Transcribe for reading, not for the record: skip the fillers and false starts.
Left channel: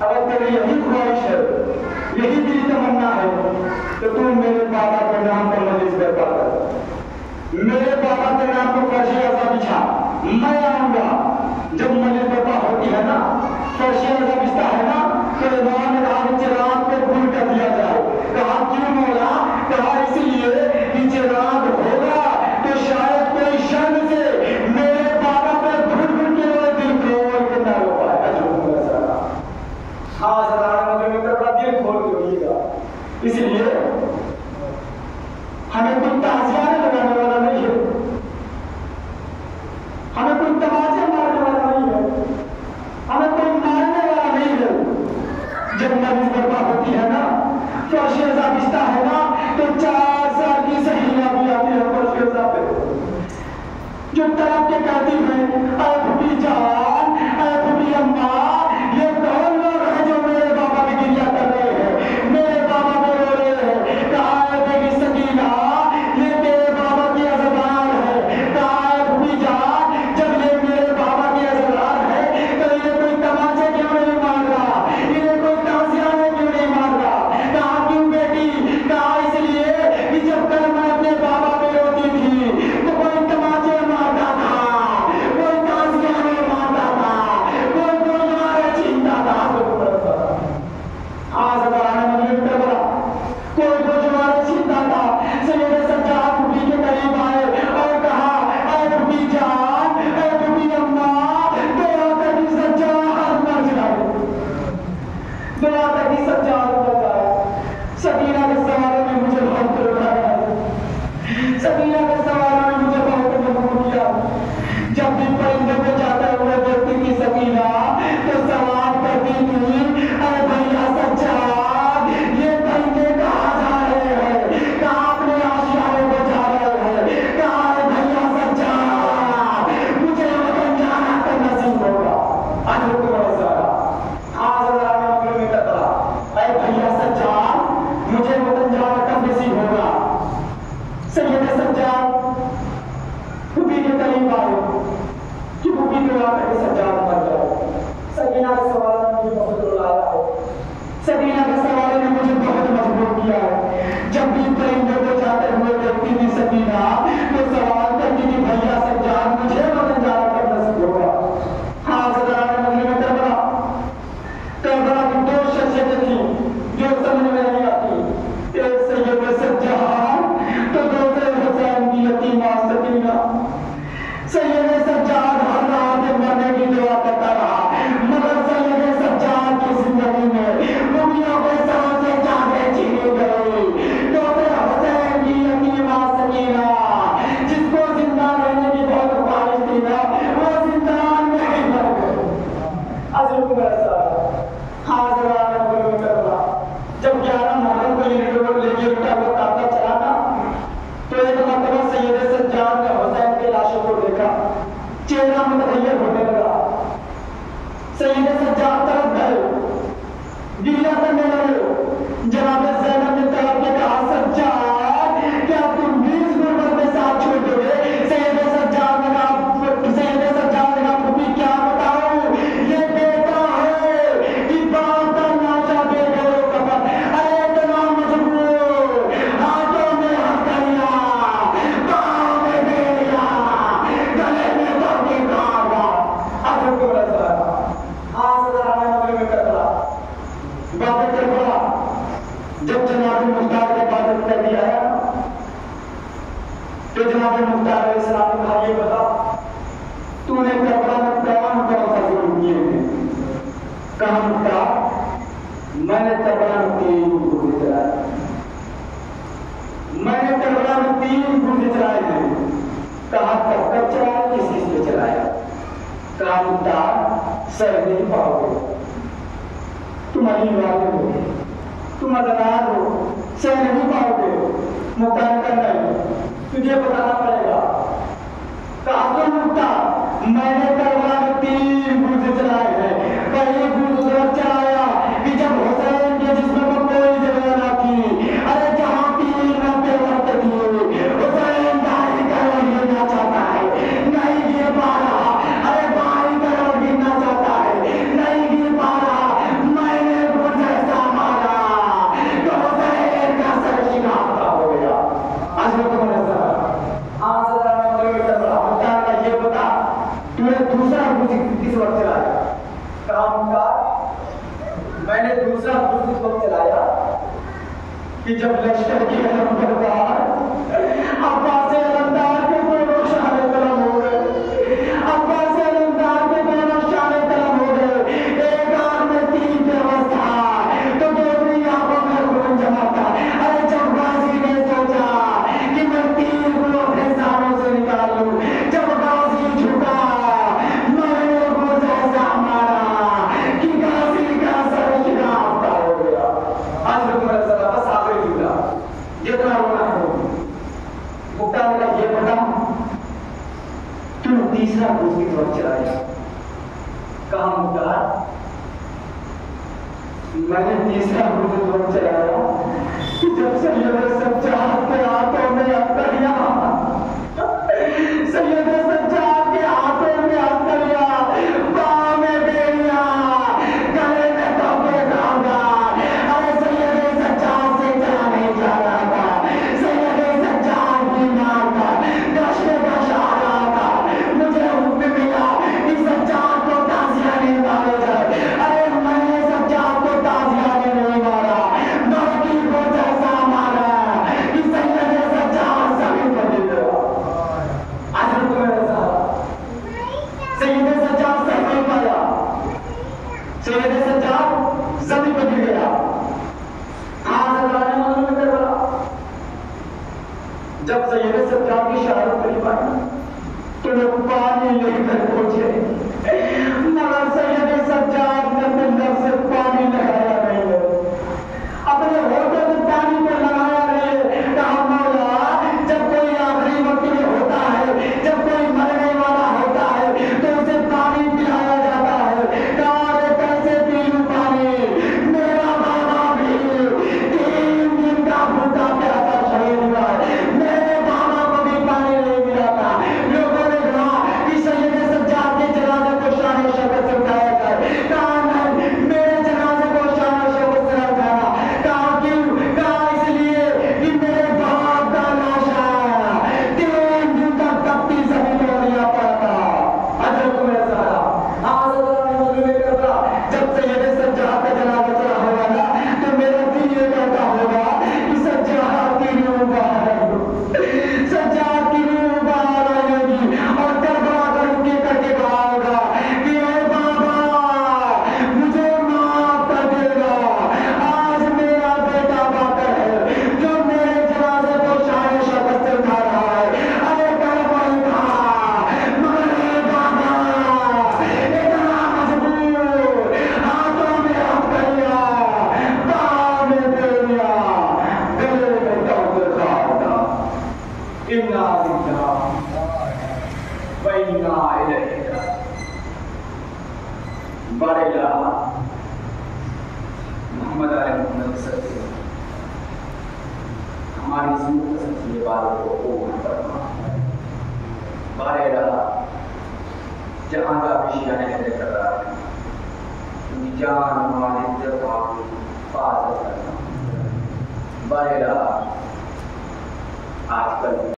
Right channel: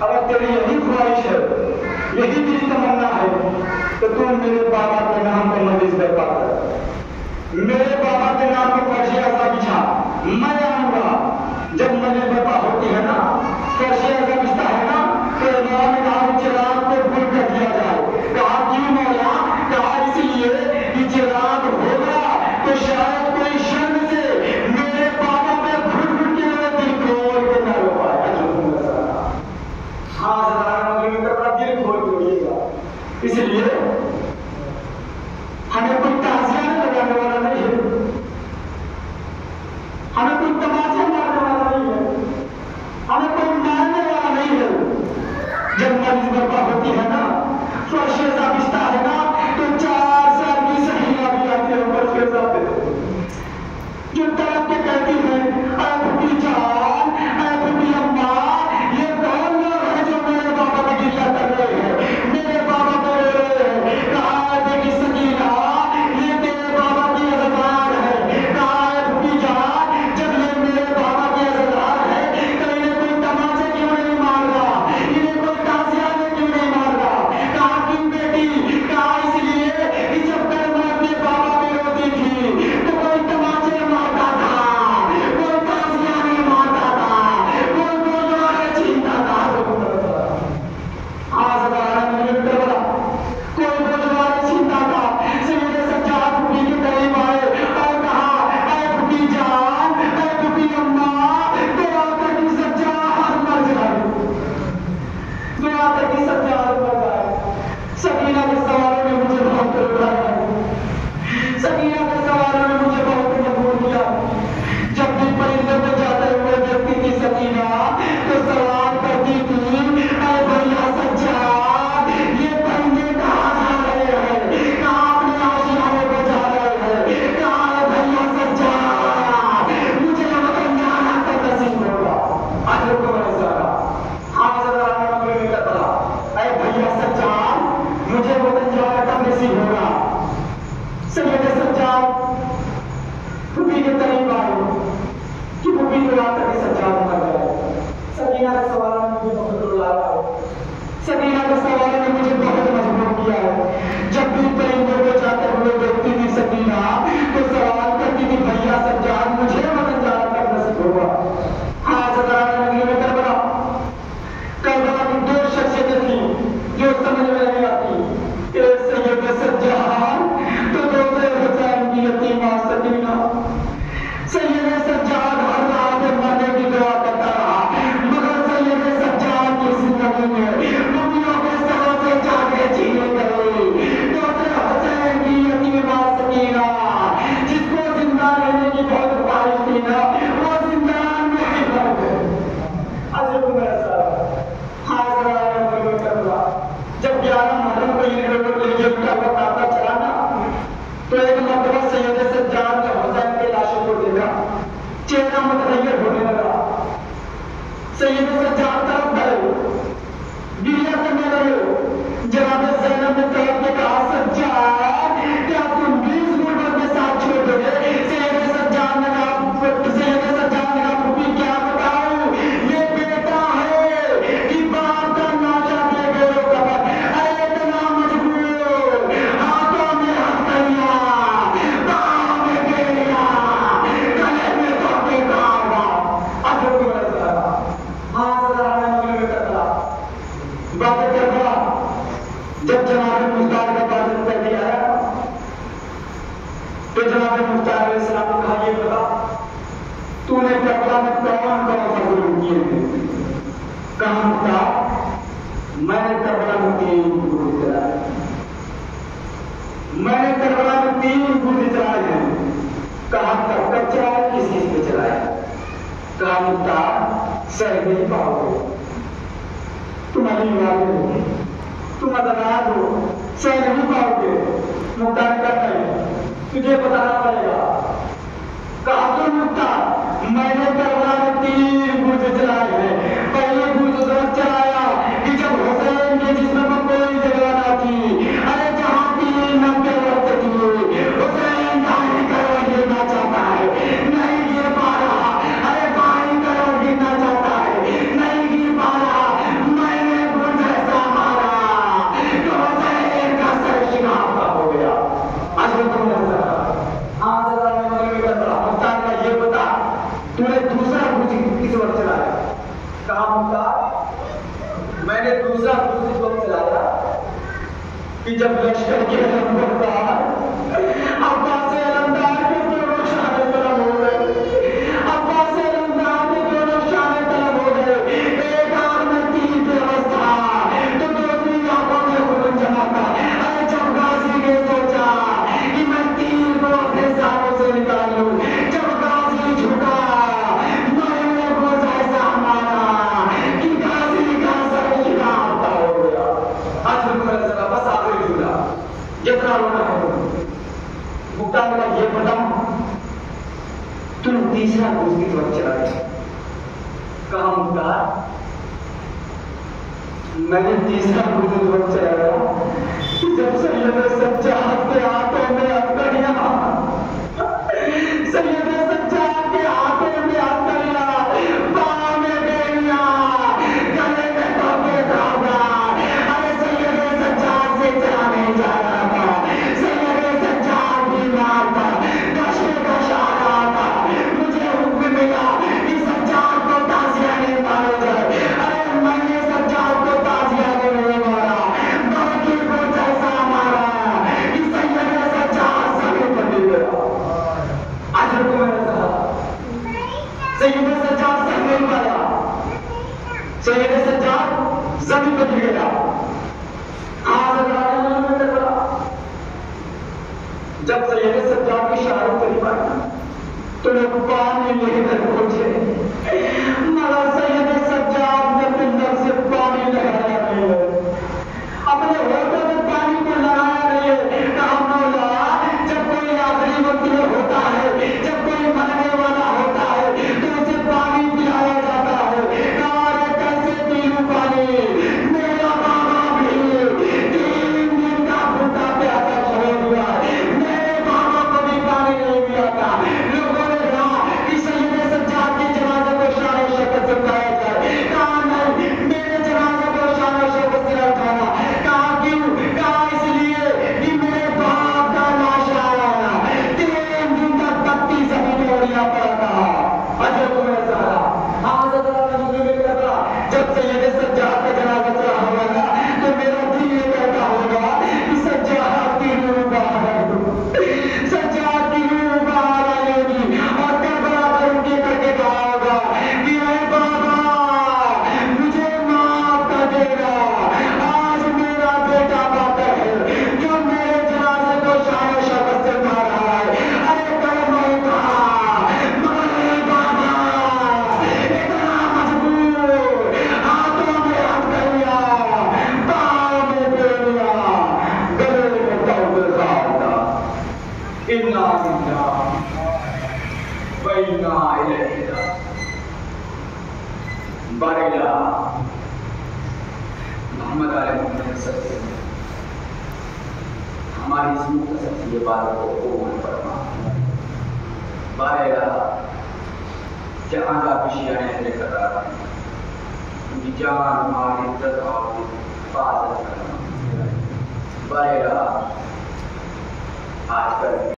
اگر تیری یہی خواہش ہے، یہی تیری تمنا ہے تو تم میرے بابا کے نام پر مجلس برپا کر، میرے بابا کے نام پر فرش اعضا بچھا، میں آؤں گا۔ جب مجلس برپا ہوتی ہے نا، فرش اعضا بچھتا ہے نا، تو امام نے کہا کہ چراغ کو بھول کر دیا جائے۔ کہا کیوں مولا؟ کہا اس لیے کہ چراغ ہوگا تو شاید کوئی شرم سے میرے بابا پہ گھٹ گھٹ کے میرے دل کھول کے نہ رو پائے۔ ہاں ذرا مجھے اپنا دل کھول کے روئیے گا۔ اس لیے ہمیں کوئی تعزیہ لگانے والا نہیں ہے، ہمیں کوئی تماچے مارنے والا نہیں ہے، ہمیں کوئی مارنے والا نہیں ہے۔ جب مجلس برپا ہوتی ہے نا، فرش اعضا بچھتا ہے نا، تو 4 سال کی سہیلیاں بھی آتی ہیں فرش اعضا پہ، جو تڑپ کے کہتی ہیں اے بھوٹی جان، اے بھوٹی اماں، یہ کون لوگ ہیں جو میرے بابا کی گریہ کر رہے ہیں، میرے بابا کو رو رہے ہیں؟ کہا اے بیٹی سکینہ، یہ تیرے بابا کی عزتدار ہے۔ کہا اے بھوٹی جان، جب یہ میرے بابا کی عزتدار ہے تو انہیں کوئی تماچے کیوں نہیں مار رہا، انہیں کوئی تعزیہ کیوں نہیں مار رہا؟ کہا کیوں بیٹی؟ کہا اس لیے کہ جب کل میں اپنے بابا پہ روتی تھی تو کوئی تماچے مارتا تھا، کوئی تعزیہ نہیں مارتا تھا، کوئی گردوارے چھینتا تھا۔ آج ذرا مجھے کربلا کوئی گردوارے چھینتا تھا۔ سید سجاد بھوٹی کے قریب آئے اور کہا اے بھوٹی جان، اے بھوٹی اماں، دعا کر کہ سجاد مر جائے، دعا کر کہ سجاد مر جائے۔ سکینہ کے سوالوں نے مجھے بہت رلایا ہے، سکینہ کے سوالوں نے مجھے بہت مجبور کیا۔ جب بھی پرندے پہ جاتے ہوئے دیکھتی تھی سکینہ تو سوال کرتی تھی اے بھیا سجاد، یہ پرندے کہاں جا رہے ہیں؟ کہاں اپنے آشیانے کو جا رہے ہیں؟ کہا اے بھیا سجاد، مجھے وطن جانا تو نصیب ہوگا۔ آج رکو میرے ذرا، حاضر آنے مغرب میں کربلا، اے بھیا سجاد، مجھے وطن جانا کب نصیب ہوگا؟ سید سجاد پھوپھی کے قریب آئے کہ پھوپھی دعا کر کے سجاد مر جائے۔ سکینہ کے سوالوں نے مجھے بہت رلایا ہے، سکینہ کے سوالوں نے مجھے بہت مجبور کیا ہے۔ جب بھی پرندوں کو جاتے ہوئے دیکھتی تھی سکینہ تو سوال کرتی تھی بھیا سجاد، مجھے وطن جانا کب نصیب ہوگا؟ حاضران مغرب کربلا، کربلا کی 2 شخصیتیں تھیں جو سمجھ میں نہیں آتی، ایک سید سجاد تو دوسرے حسین کی یتیمہ سکینہ۔ سید سجاد ہر رات میں مرنے کی دعا کرتا رہا، مگر سید سجاد کی زندگی میں روٹیوں کے سروں سے جانے چھینے گئے۔ دوسرے حسین کی یتیمہ سکینہ، جس کو زندہ رہنے کی بہت خواہش تھی نا، وہ زندان میں ہی مر گئے۔ حضرت میرے ساتھ حاضران مغرب کربلا، جب 11 محرم کو یہ لوگ لے کے اٹھا ہوا قافلہ چلا نا، تو ایک مرتبہ سید سجاد نے حسین کے لاشوں کو دیکھا، چہرہ متغیر ہونے لگا۔ سید سجاد طرف گئے، گریہ کرنے لگے۔ جناب زینب نے طرف کے کہا سجاد، کیا تم بھی اس غربت میں ساتھ چھوڑ دو گے؟ سید سجاد نے کہا پھوپھی کیا بتاؤں، یہ بیٹا ہے کہ باپ کا ناشا دے گئے ہو کفن، ارے اتنا مجبور، ہاتھوں میں ہتھیلیاں، پاؤں میں بیڑیاں، گلے میں توکے کارواں۔ حضرت کے رضا حاضر آنے مغرب کربلا، بات کربلا، جب جناب مختار کے پاس پہلی آیا تو جناب مختار علیہ السلام نے کہا یہ بتا تو نے کربلا میں کون کون سا ظلم کیے ہیں؟ کہا مختار، میں نے کربلا میں 3 گولی چلائے، میں نے کربلا میں 3 گولی چلائے ہیں۔ کہا کب کب چلائے، کس چیز پہ چلائے؟ کہا مختار، سہ نہیں پاؤ گے، تم علی والے ہو، تم ادنار ہو، سہ نہیں پاؤ گے۔ مختار نے کہا نہیں، تجھے بتانا پڑے گا۔ کہا تو مختار، میں نے کربلا میں 3 گولی چلائے ہیں۔ پہلی گولی چلایا کہ جب حسین کے جسم پر کوئی جگہ نہ تھی، ارے جہاں 3 نمبے رکھتے تھے، حسین دائیں کرنے گرنا چاہتا ہے، نہیں گر پا رہا، ارے بائیں کرنے گرنا چاہتا ہے، نہیں گر پا رہا، میں کہا مختار میں نے دوسرا کچھ اس وقت چلایا کہ جب لشکر کے علمبردار عباس علمدار کے دونوں شانے طلب ہو گئے، عباس علمدار کے دونوں شانے طلب ہو گئے، ایک آنکھ میں تیر بےوس تھا تو دوسری آنکھوں میں خون جمع تھا۔ ارے جب غازی نے سوچا کہ میں تیر کو اپنے سانوں سے نکال لوں، جب غازی جھکا مرنے کو جیسا مارا کہ غازی کا سر شکافتا ہو گیا۔ آج میرا ذرا بس آخری جملہ جتنا رونا ہے مختار کا یہ بتا تو نے تیسرا دوسری وقت چلائی۔ کہا مختار میں نے تیسرا دوسری وقت چلایا جب سید سجاد کے ہاتھوں میں ہتھیلیاں، سید سجاد کے ہاتھوں میں ہتھیلیاں، پاؤں میں بیڑیاں، گلے میں توپے دھاگا۔ ارے سید سجاد سے چلا نہیں جا رہا تھا، سید سجاد بیمار تھا، گشت گش آ رہا تھا، مجھے حکم ملا کہ سجاد کو تازیہ نہیں مارا جائے۔ ارے میں نے سجاد کو تازیہ نہیں مارا بلکہ کو جیسا مارا کہ سید سجاد زمین پر گر گیا۔ آج رکو میرے ساتھ، سید سجاد سر نہیں مارا، سید سجاد زمین پر گر گیا۔ جب سید سجاد کی شہادت قریب آئی تو لوگ پانی لے کر پہنچے، مگر سید سجاد نے پندر سے پانی لگایا نہیں ہے، اپنے ہوٹوں سے پانی کو لگایا نہیں ہے۔ کہا مولا جب کوئی آخری وقت میں ہوتا ہے، جب کوئی مرنے والا ہوتا ہے تو اسے پانی پلایا جاتا ہے۔ کہا رے کیسے پی لوں پانی، میرا بابا بھی 3 دن کا بھوکا پیاسا شہید ہوا ہے، میرے بابا کو بھی پانی نہیں ملا تھا۔ لوگوں نے کہا کہ سید سجاد کے جنازے کو شان و شوکت سے اٹھایا جائے۔ کہا نہیں، میرے جنازے کو شان و شوکت سے نہ اٹھانا۔ کہا کیوں؟ کہا اس لیے کہ میرے باپ کا لاش آیا 3 دن تک تپتی زمین میں اڑیا پڑا تھا۔ اجر کو میرا سہارا جب سید سجاد کا جنازہ چلا ہوگا تو میرا دل یہ کہتا ہوگا کہ سجاد کی روح باہر آئی ہوگی، سجاد کی روح باہر آئی ہوگی اور کربلا پر رکے کر کے کہا ہوگا کہ اے بابا مجھے معاف کر دے گا، آج میرا بیٹا باقر ہے جو میرے جنازے کو شان و شوکت سے اٹھا رہا ہے۔ ارے کلمہ اٹھا مگر اے بابا اتنا مجبور، ہاتھوں میں ہتھیلیاں، پاؤں میں بیڑیاں، گلے میں توپے دھاگا۔ انا للہ و انا الیہ راجعون۔ بارے محمد علیہ محمد صلی اللہ علیہ وسلم ہماری اس مختصر سی عبادت کو قبول فرما۔ بارے جہاں کا بھی شیعہ اہل قرار ان کی جان مال عزت اور حفاظت کرنا۔ بارے آج کل